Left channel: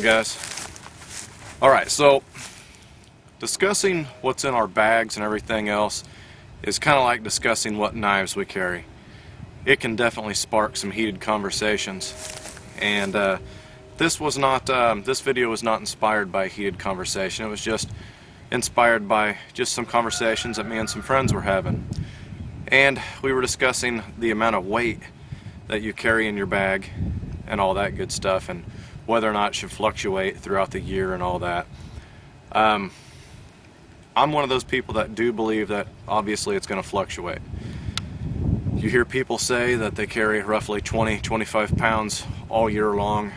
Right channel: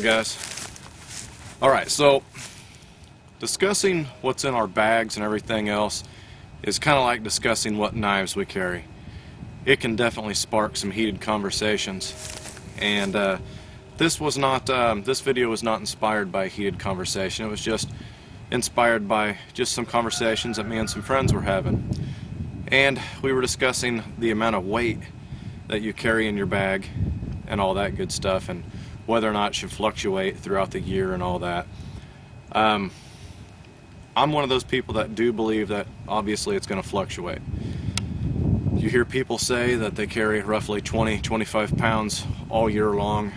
on, guys? Alright, so discussing what's in our bags and everything else is kind of like discussing what knives we carry. It can definitely spark some heated conversations, and this video was not inspired by a heated conversation. It was just inspired by just some conversations that me and some friends were having, and we were discussing the amount of weight that you carry in your bag and all that good stuff, and whether or not it should fluctuate throughout the year and all that. I'm one of those people that do believe that obviously it's going to fluctuate. You hear people say that they carry roughly 20-25 pounds all year long,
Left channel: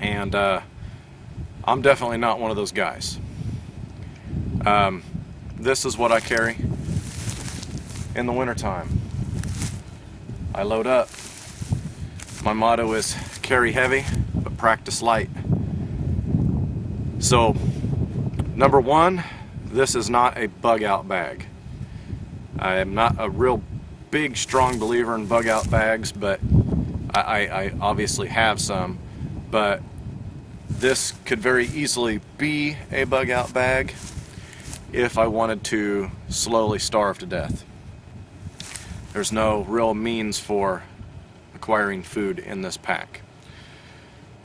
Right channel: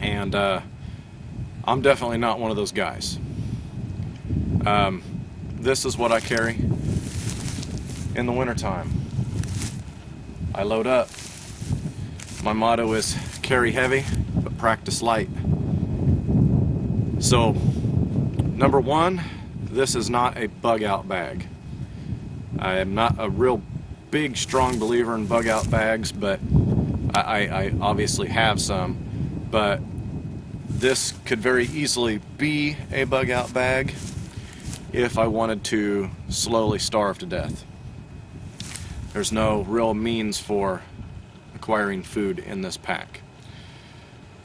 and I'm definitely not one of those guys. This is what I carry in the wintertime. I load up. My motto is carry heavy but practice light. So, number one, this is not a bug out bag. I am not a real big strong believer in bug out bags, but I obviously have some, but this could very easily be a bug out bag if I wanted to slowly starve to death. There's no real means for acquiring food in this pack.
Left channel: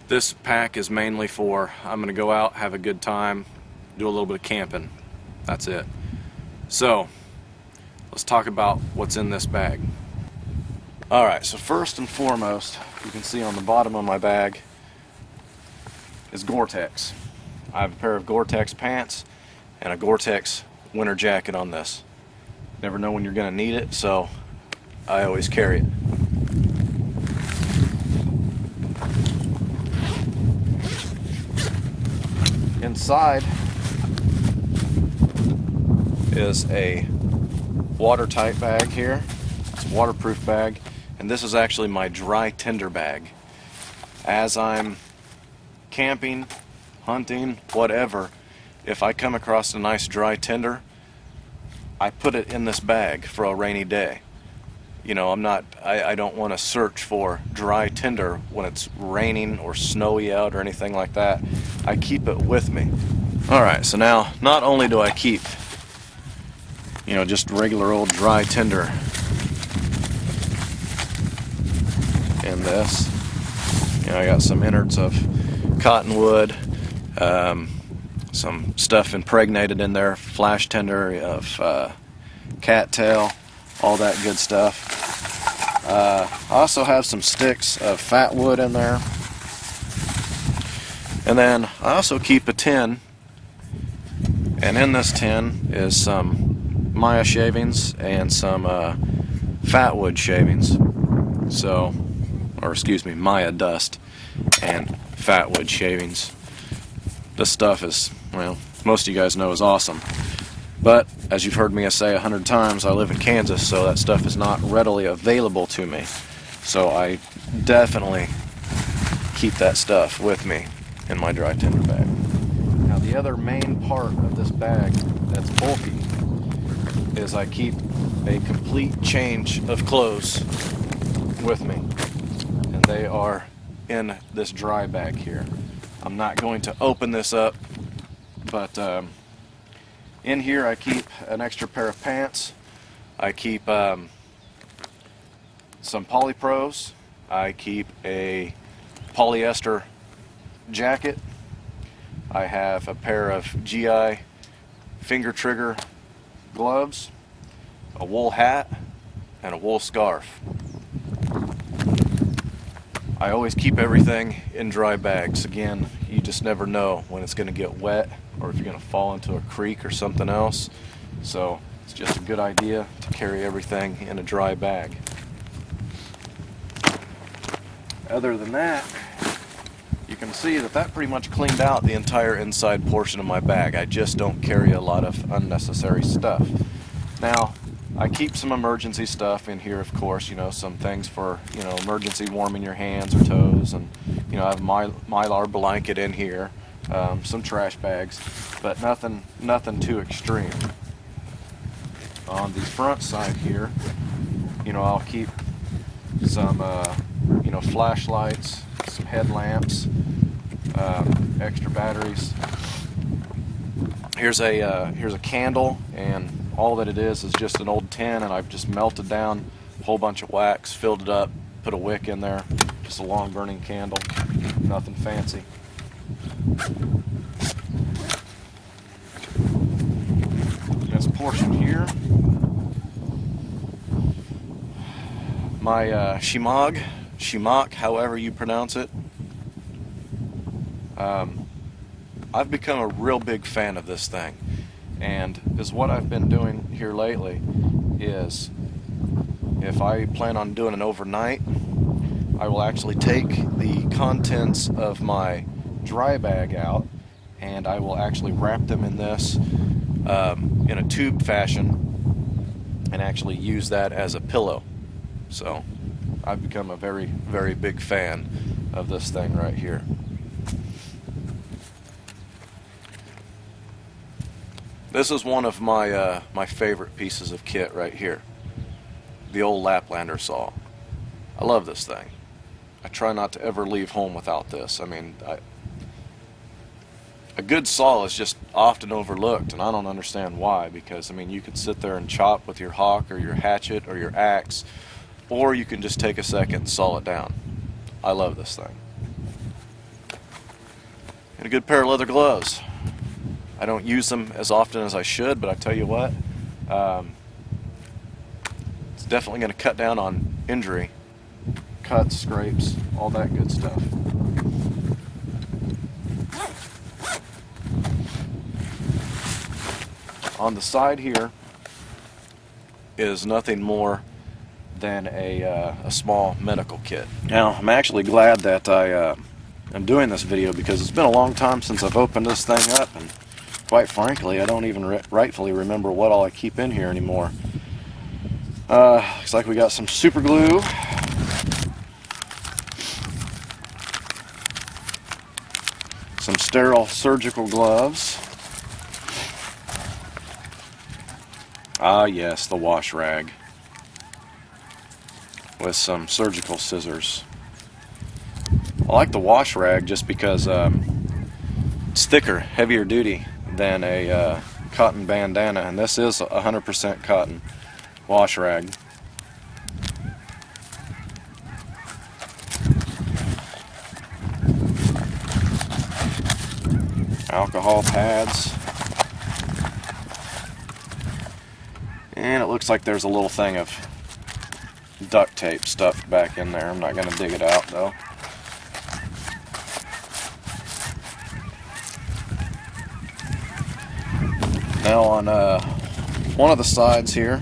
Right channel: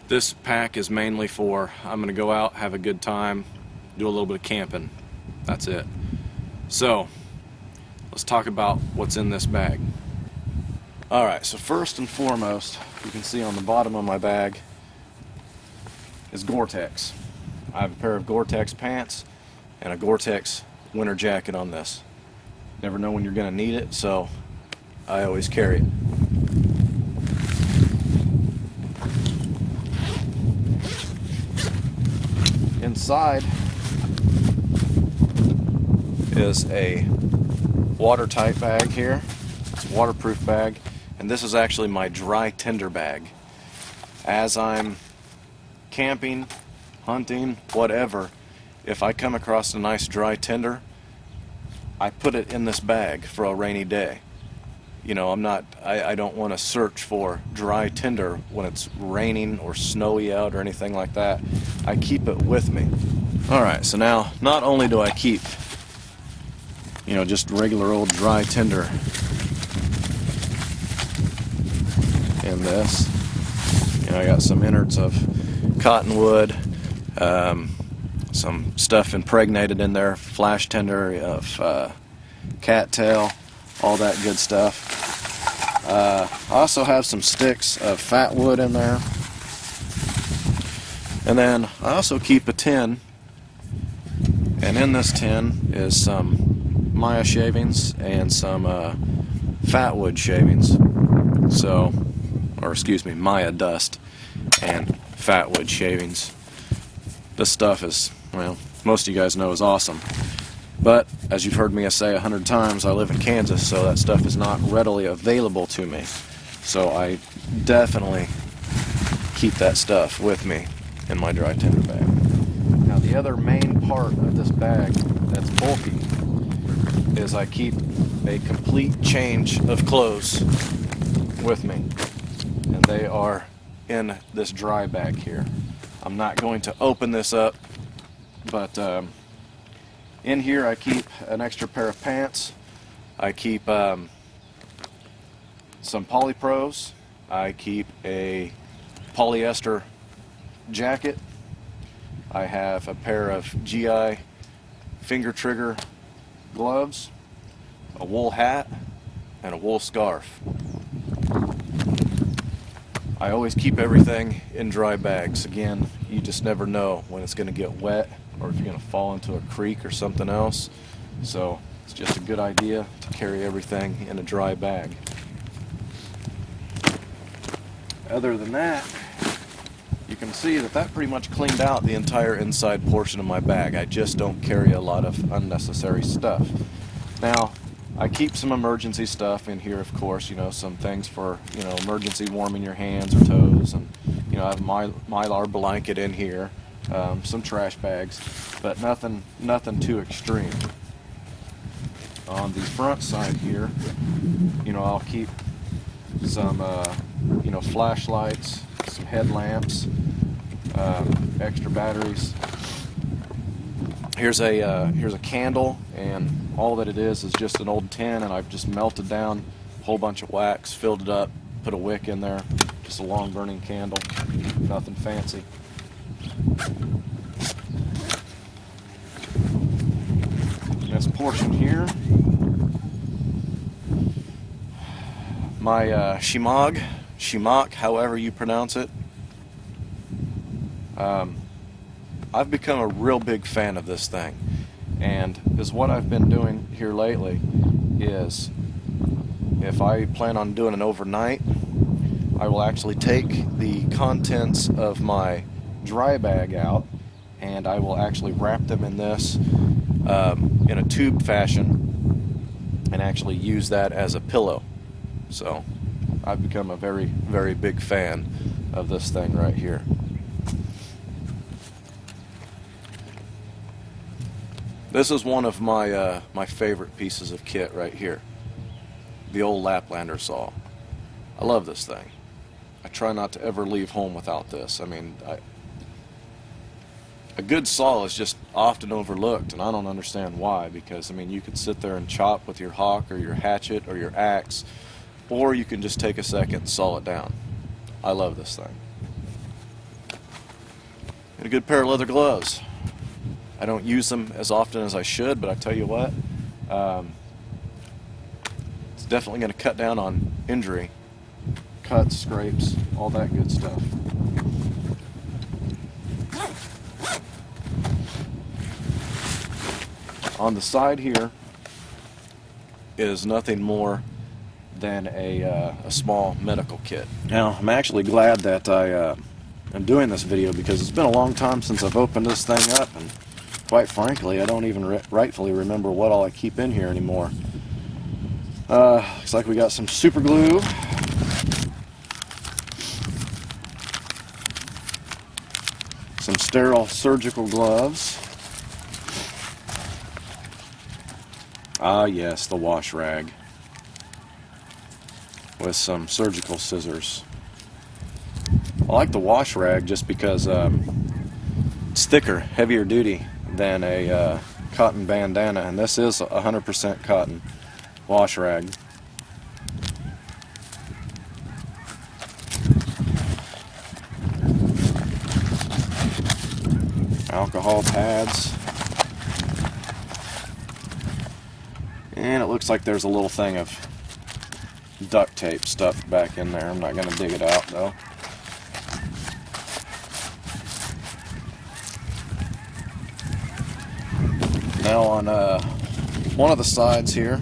This pack is mainly for, I'm going to go out, have a good time, do a little bit of camping. That's it. So, let's talk about what's in this bag. Alright, so first and foremost, you can see on the bottom of my bag is Gore-Tex. I have a pair of Gore-Tex pants and a Gore-Tex winter jacket on this. Never know when you're going to need it, so I always carry it. Inside is a watertight bag here. It's a waterproof bag, and this is actually my dry tinder bag. As I'm camping, hunting, whatever, if I come across a nice dry tinder, I put it in this bag for a rainy day. You know, I don't want to search for dry tinder when it's raining or snowy out or anything like that. I keep it with me. Alright, so now not only do I keep, you know, just regular old dry tinder in this, you know, I got some innards of cottonwood, some stuff impregnated in there, flash tinder of cattail, all that good stuff. I also have some sticks of fat wood in there. And then I also keep a tin, and in this tin is some Maya shavings and some fat wood shavings. So, or excuse me, Maya dust and fat wood shavings. This stuff is, well, most of you guys know is awesome. But, as you've heard me say 100 times, I live in Kansas, so that stuff is not readily available to me. So I definitely keep that stuff with me in my dry tinder bag. Now the other main part of this bag that's bulky is I keep a complete change of clothes with me. And they are in this dry bag here. I'm not going to open this up, but in here I keep an extra pair of pants. I keep some polypros. I keep a polyester jacket. I have a pair of GI finger trigger gloves, a wool hat, and a wool scarf. I always keep everything in dry bags. Again, you just never know when it's going to get wet or if you're going to fall into a creek or something else. So it's just a good idea to carry everything in a dry bag. Other than that, you can see that pretty much cleaned out the entire inside portion of my bag. I just don't carry a lot of unnecessary stuff. Now, I keep some emergency stuff in here, of course, you know, some things for, you know, emergency warming your hands or toes, and, you know, I have a Mylar blanket in here, some trash bags, but nothing too extreme. On the front side here, you know, I'll keep some, you know, flashlights, some headlamps, extra batteries. Here's a candle, and all that it is just an old tin, and I've just melted down a whole bunch of wax, filled it up, put a wick in there, just a long burning candle, nothing fancy. This portion here, my Shimok, however you pronounce it. I've become a real big fan of this thing, and what I've been doing here lately is, if I plan on doing an overnight, I will actually take the contents of my dry bag out, and I will actually wrap them in this in a tube fashion and actually use that as a pillow. So I've become a very, very big fan of this thing right here. This is one of my my favorite pieces of kit right here, the old Laplander saw. I love this thing. I try not to ever leave home without this. I mean, a good saw is just often overlooked, and I don't understand why, because I mean, you could sit there and chop with your hawk or your hatchet or your axe, or you can just take a second and saw it down. I love this thing. And a good pair of leather gloves. I don't use them as often as I should, but I tell you what, it's definitely going to cut down on injury, cuts, scrapes, all that good stuff. On the side here is nothing more than a small medical kit. Now, I'm actually glad that I'm doing this video, because it's been a long time since I've opened this thing up, and quite frankly, I don't even rightfully remember what all I keep in here anymore. Looks like we got some super glue, some sterile surgical gloves. Ah yes, the wash rag with some surgical scissors. I like the wash rag just because it's thicker, heavier duty than a cotton bandana, and this is 100% cotton wash rag. Alcohol pads. And it looks like there's a little thing of duct tape stuffed back in there. I'm not going to dig it out though. Now on one of the sides here,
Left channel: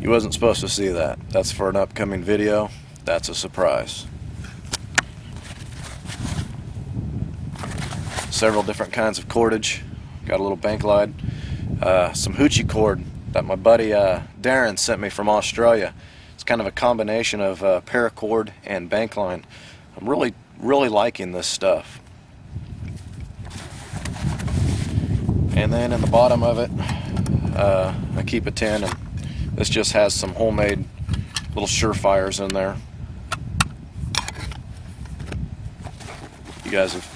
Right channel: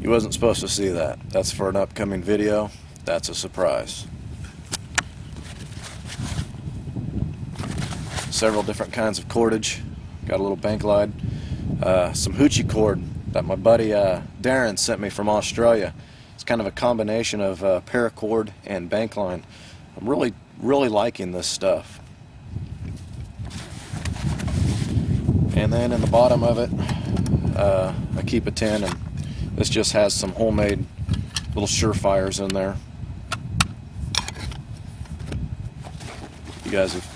you wasn't supposed to see that. That's for an upcoming video. That's a surprise. Several different kinds of cordage. Got a little bank line. Some hoochie cord that my buddy Darren sent me from Australia. It's kind of a combination of paracord and bank line. I'm really liking this stuff. And then in the bottom of it, I keep a tin, and this just has some homemade little surefires in there. You guys have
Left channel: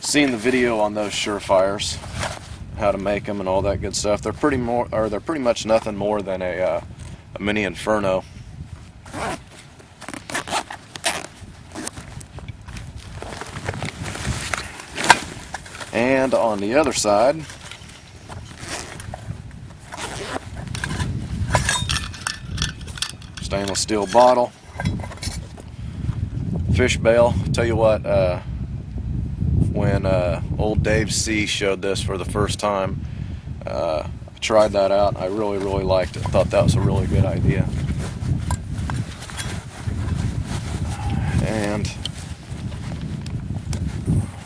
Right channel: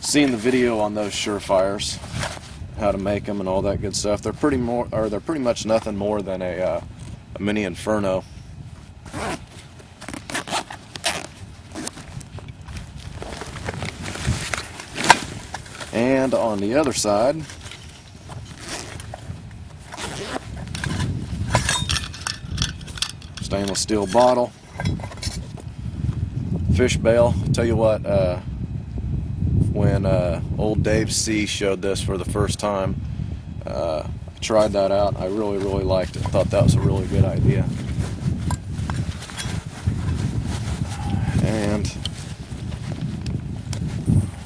seen the video on those surefires, how to make them and all that good stuff. They're pretty much nothing more than a mini inferno. And on the other side, stainless steel bottle, fish bail. Tell you what, when old Dave C showed this for the first time, I tried that out. I really liked it. Thought that was a really good idea. And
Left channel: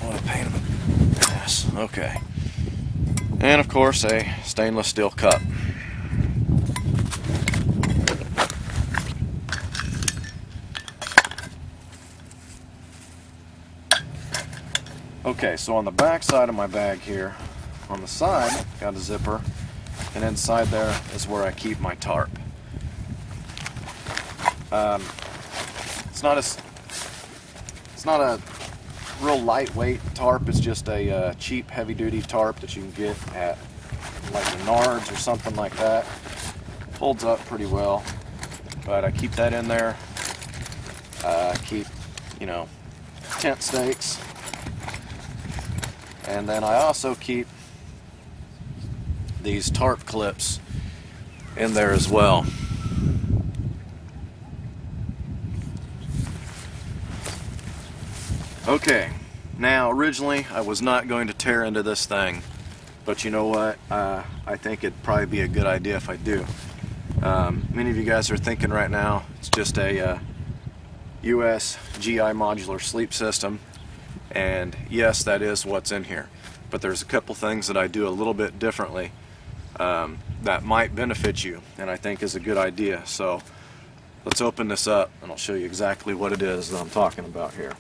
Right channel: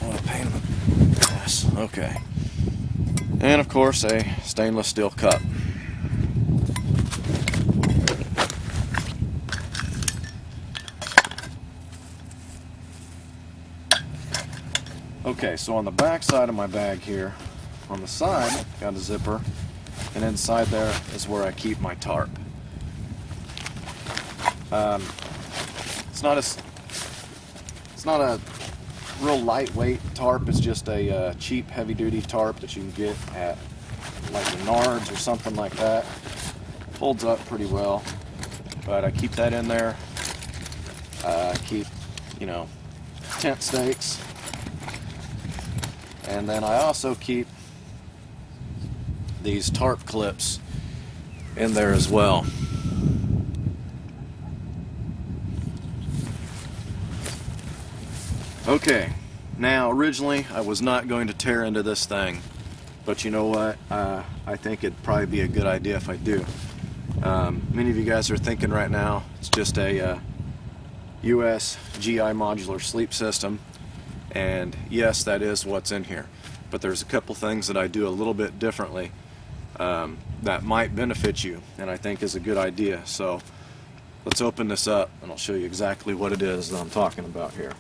what a pain in the ass. Okay. And of course a stainless steel cup. Okay, so on the back side of my bag here, on the side, got a zipper, and inside there is where I keep my tarp. It's not a real lightweight tarp. It's just a cheap heavy-duty tarp that you can get at like Menards or something like that. Holds up pretty well, but I keep that in there. Keep, you know, tent stakes, and then I also keep these tarp clips in there as well. Okay, now originally I was not going to tear into this thing, but you know what, I think it'd probably be a good idea if I do. Many of you guys are thinking right now it's just a US GI modular sleep system, and yes, that is what's in here, but there's a couple things that I do a little bit differently that might benefit you, and I think is a good idea. So let's open this up and I'll show you exactly what it is that I'm talking about here.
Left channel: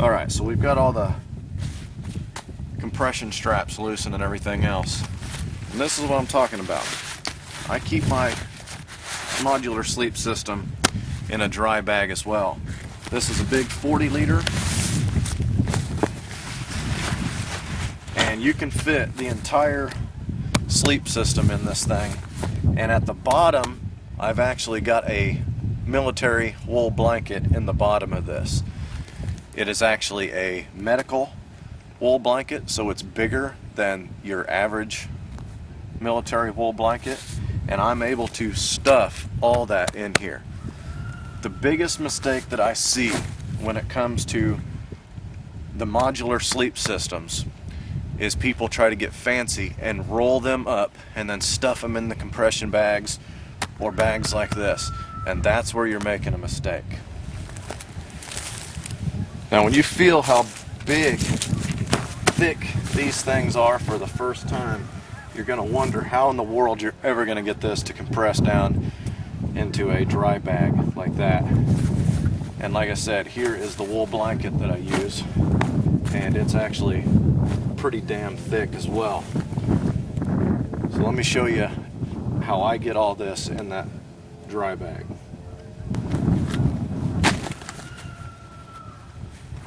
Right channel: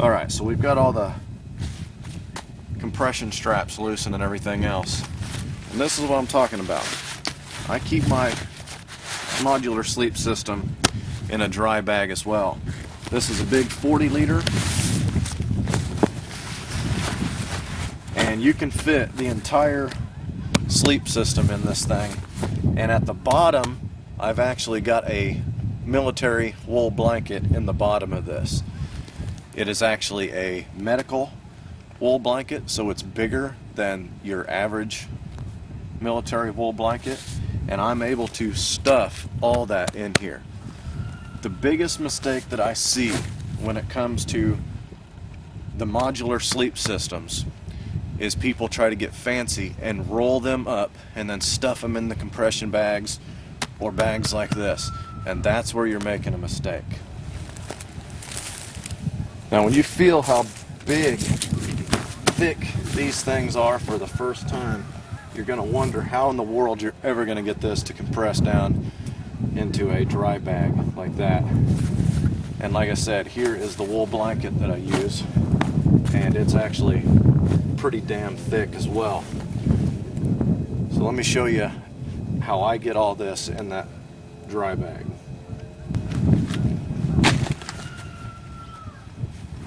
Alright, so we've got all the compression straps loosened and everything else. And this is what I'm talking about. I keep my modular sleep system in a dry bag as well. This is a big 40-liter, and you can fit the entire sleep system in this thing. And at the bottom, I've actually got a military wool blanket in the bottom of this. It is actually a medical wool blanket, so it's bigger than your average military wool blanket, and I'm able to stuff all that in here. The biggest mistake that I see when it comes to the modular sleep systems is people try to get fancy and roll them up and then stuff them in the compression bags or bags like this, and that's where you're making a mistake. Now when you feel how big, thick these things are for the first time, you're going to wonder how in the world you're ever going to get this to compress down into a dry bag like that. And like I said, here is the wool blanket that I use, and it's actually pretty damn thick as well. So let me show you how I get all this in that dry bag.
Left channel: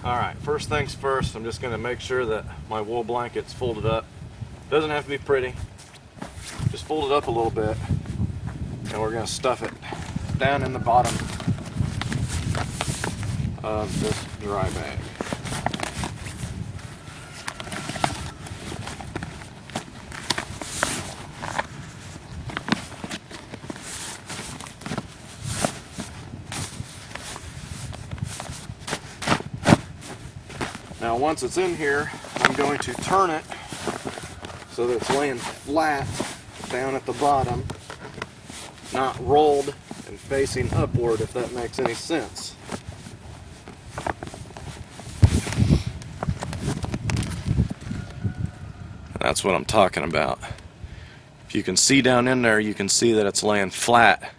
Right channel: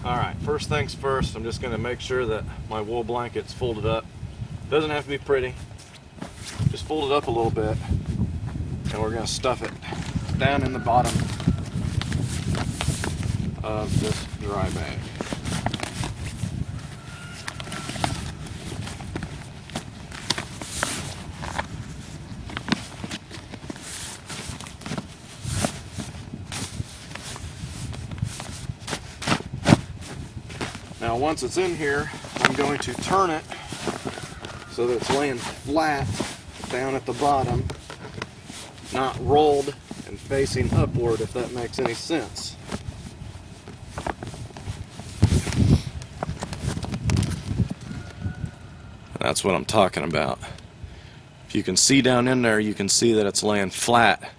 Alright, first things first, I'm just going to make sure that my wool blanket's folded up. Doesn't have to be pretty, just fold it up a little bit, and we're going to stuff it down in the bottom of this dry bag. Now once it's in here, I'm going to turn it so that it's laying flat down at the bottom, not rolled and facing upward, if that makes any sense. That's what I'm talking about. If you can see down in there, you can see that it's laying flat.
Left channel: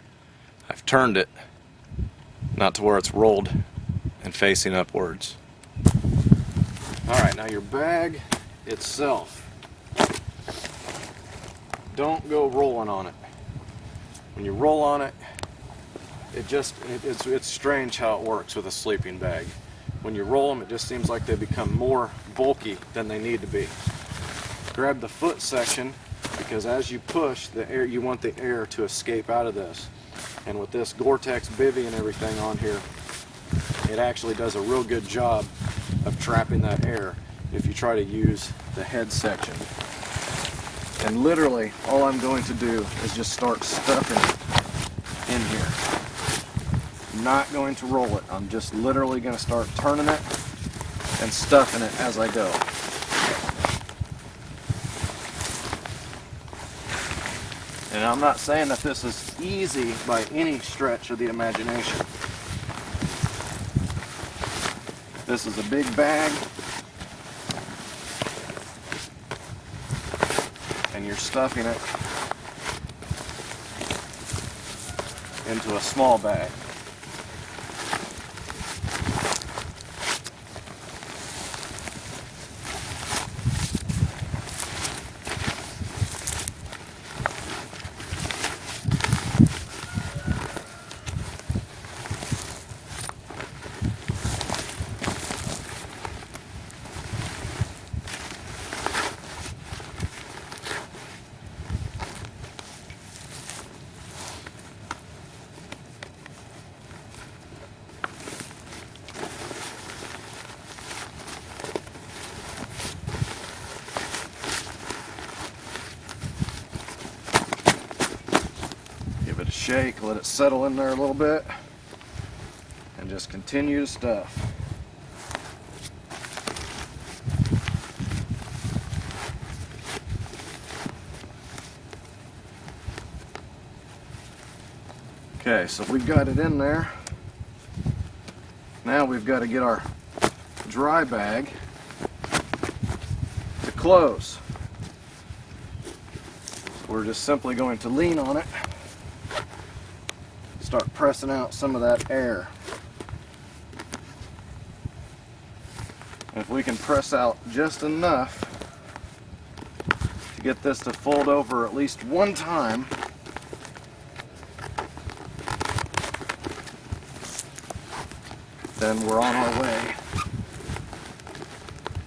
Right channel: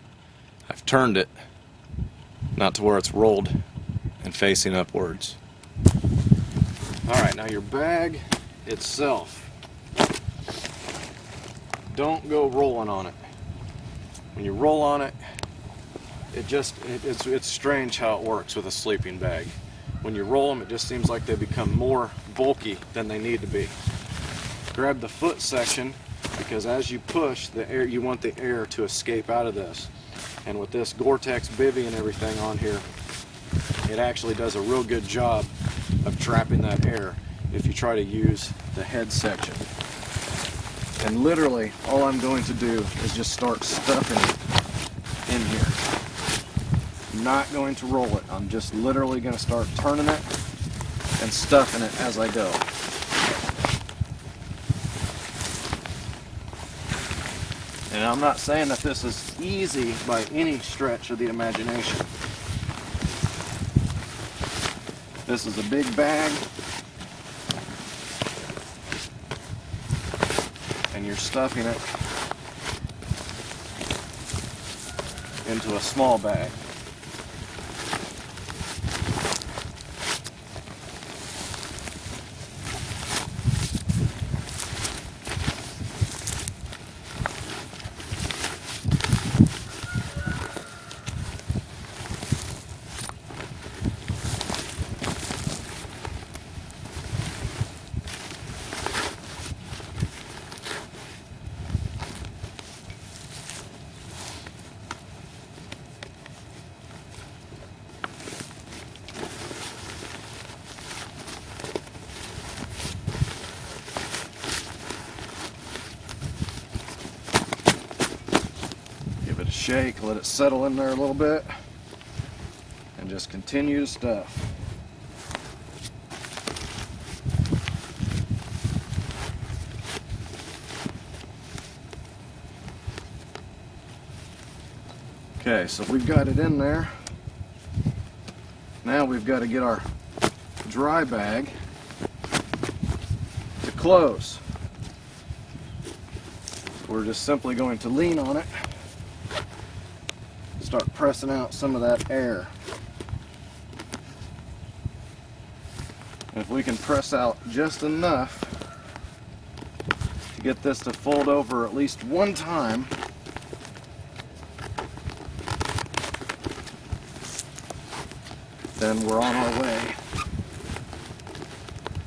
I've turned it, not to where it's rolled and facing upwards. Alright, now your bag itself, don't go rolling on it. When you roll on it, it's strange how it works with a sleeping bag. When you roll them, it just seems like they become more bulky than they need to be. Grab the foot section, because as you push the air, you want the air to escape out of this. And with this Gore-Tex bivy and everything on here, it actually does a real good job of trapping that air if you try to use the head section. And literally all I'm going to do is just start stuffing it in here. I'm not going to roll it. I'm just literally going to start turning it and stuffing it as I go. And I'm not saying that this is easy by any stretch of the imagination. This is a big bag, and you're stuffing it into a small bag. Give it a shake, let it settle in there a little bit, and just continue to stuff. Okay, so we've got it in there. Now we've got to get our dry bag to close. So we're just simply going to lean on it, start pressing out some of that air. And if we can press out just enough to get this to fold over at least one time, then we're on our way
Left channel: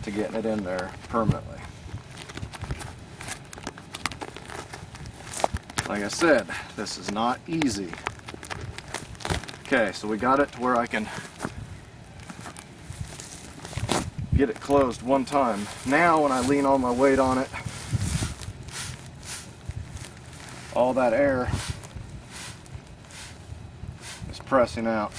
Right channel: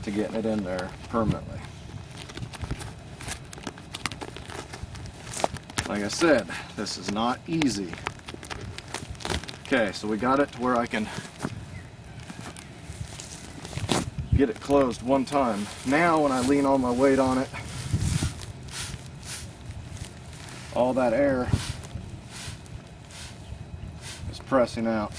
to getting it in there permanently. Like I said, this is not easy. Okay, so we got it to where I can get it closed one time. Now when I lean all my weight on it, all that air is pressing out.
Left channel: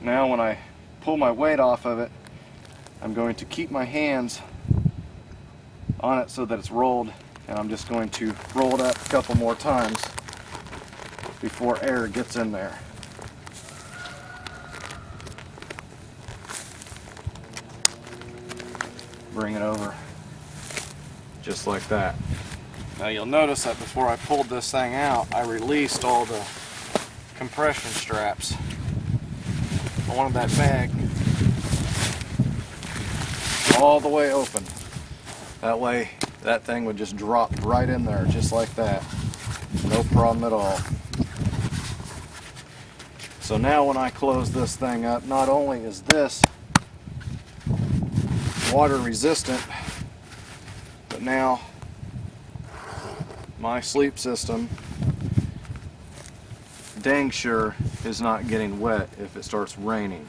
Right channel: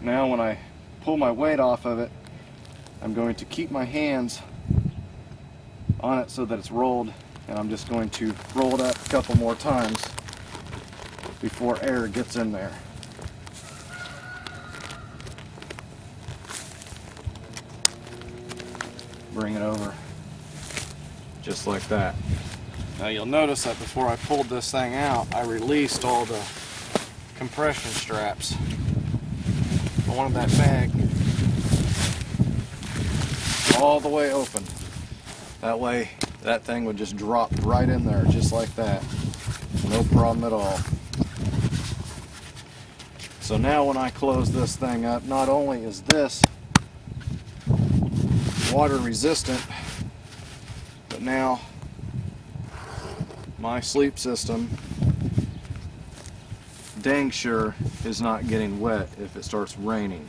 Now when I pull my weight off of it, I'm going to keep my hands on it so that it's rolled, and I'm just going to roll it up a couple more times before air gets in there. Bring it over just like that. Now you'll notice that before I pulled this thing out, I released all the compression straps. I wanted that bag all the way open. That way that thing would just drop right in there just like that. No problem at all. So now when I close this thing up, not only is this water resistant, but now my sleep system dang sure is not getting wet if it starts raining.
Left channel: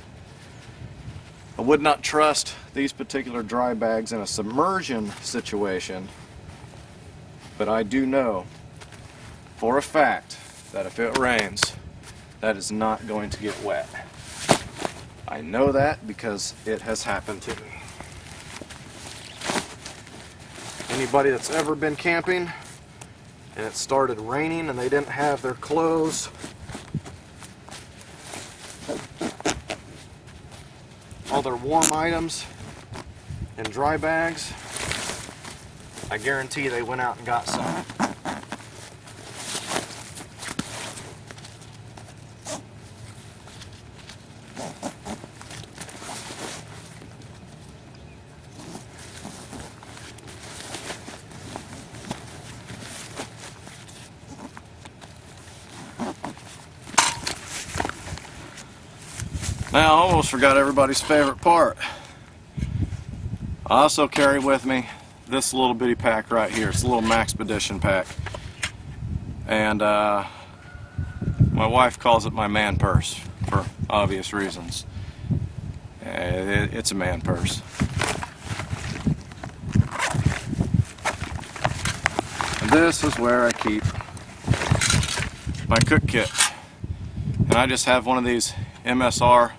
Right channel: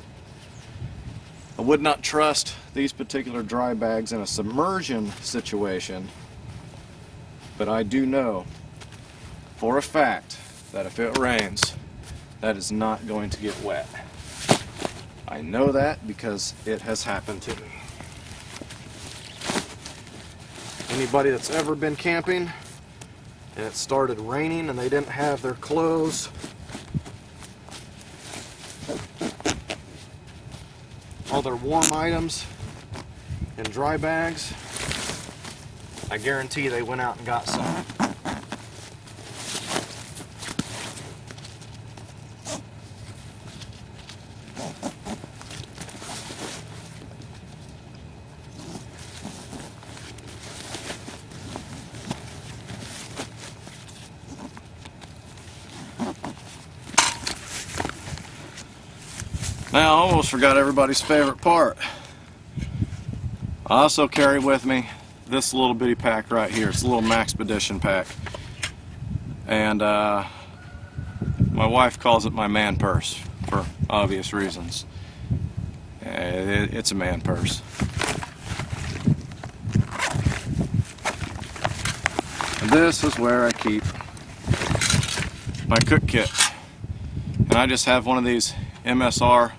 I would not trust these particular dry bags in a submersion situation, but I do know for a fact that if it rains, that is not going to get wet. I know that because it has happened to me. Anybody that's ever been camping and it started raining and they didn't have their clothes, all their warm items in dry bags, I guarantee they went out and got some. Now, I almost forgot everybody's favorite part. I also carry with me this little bitty pack right here. It's a little Maxpedition pack. And my wife calls it my man purse for obvious reasons. It's a man purse. And this is where I keep my cook kit. And I just have one of these MSR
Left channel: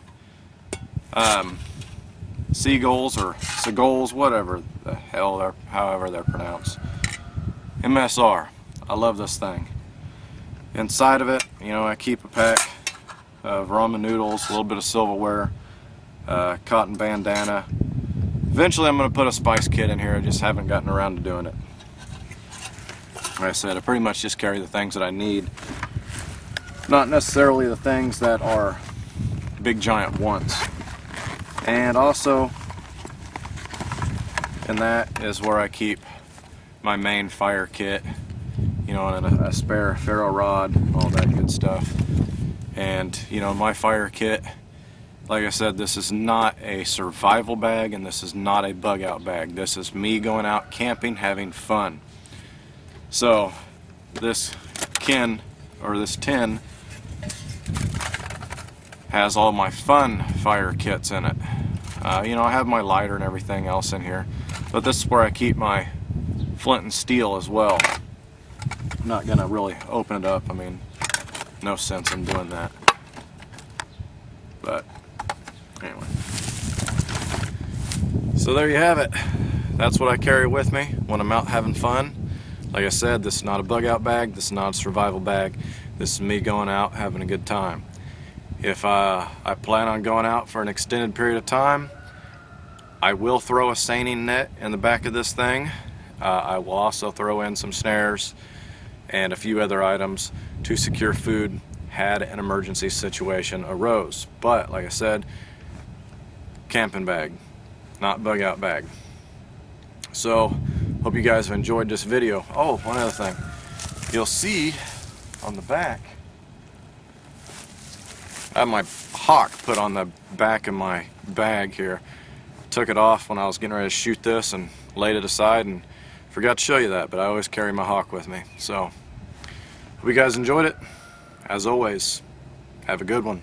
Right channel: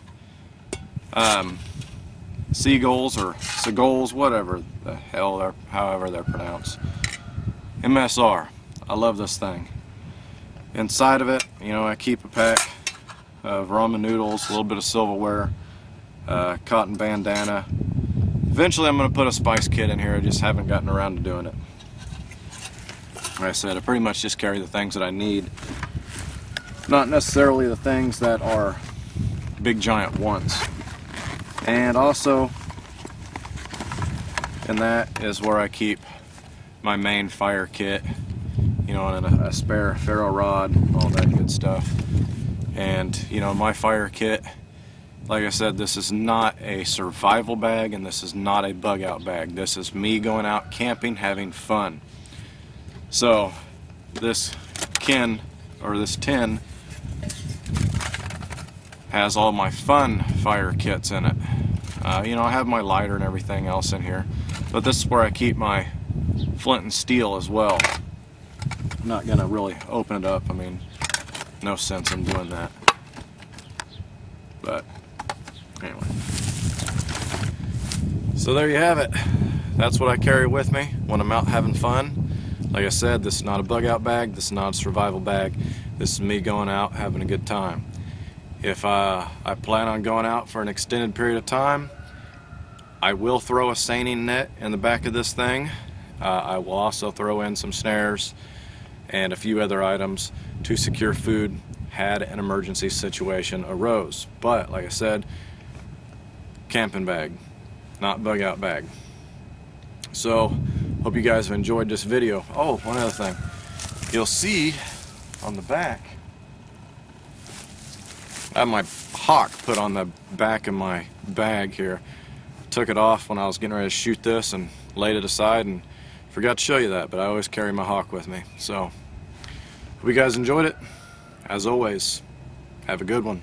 seagulls or seagulls, whatever the hell however they're pronounced. MSR. I love this thing. Inside of it, you know, I keep a pack of ramen noodles, a little bit of silverware, cotton bandana. Eventually I'm going to put a spice kit in here, I just haven't gotten around to doing it. Like I said, I pretty much just carry the things that I need, not necessarily the things that are big giant wants. And also, and that is where I keep my main fire kit, you know, and a spare ferro rod, all that good stuff. And you know, my fire kit, like I said, this is not a survival bag and this is not a bug out bag. This is me going out camping, having fun. So this tin has all my fun fire kits in it. You know, I have my lighter and everything else in here, but this is where I keep my flint and steel as well. I'm not gonna really open it up, I mean, no sense in doing that. But anyway, so there you have it. That's what I carry with me when I'm out having fun. Like I said, this is not a bug out bag, this is not a survival bag. This is me going out having a good time. If I plan on going out for an extended period of time, I will throw a seining net in the back of this thing. I will also throw in some snares and a few other items to secure food had an emergency situation arose. But like I said, camping bag, not bug out bag. So hope you guys have enjoyed this video. Oh, one other thing, you'll see on the back I have my hawk put on the back of my bag here. Took it off when I was getting ready to shoot this and laid it aside and forgot to show you that, but I always carry my hawk with me. So hope you guys enjoyed it. As always, have a good one.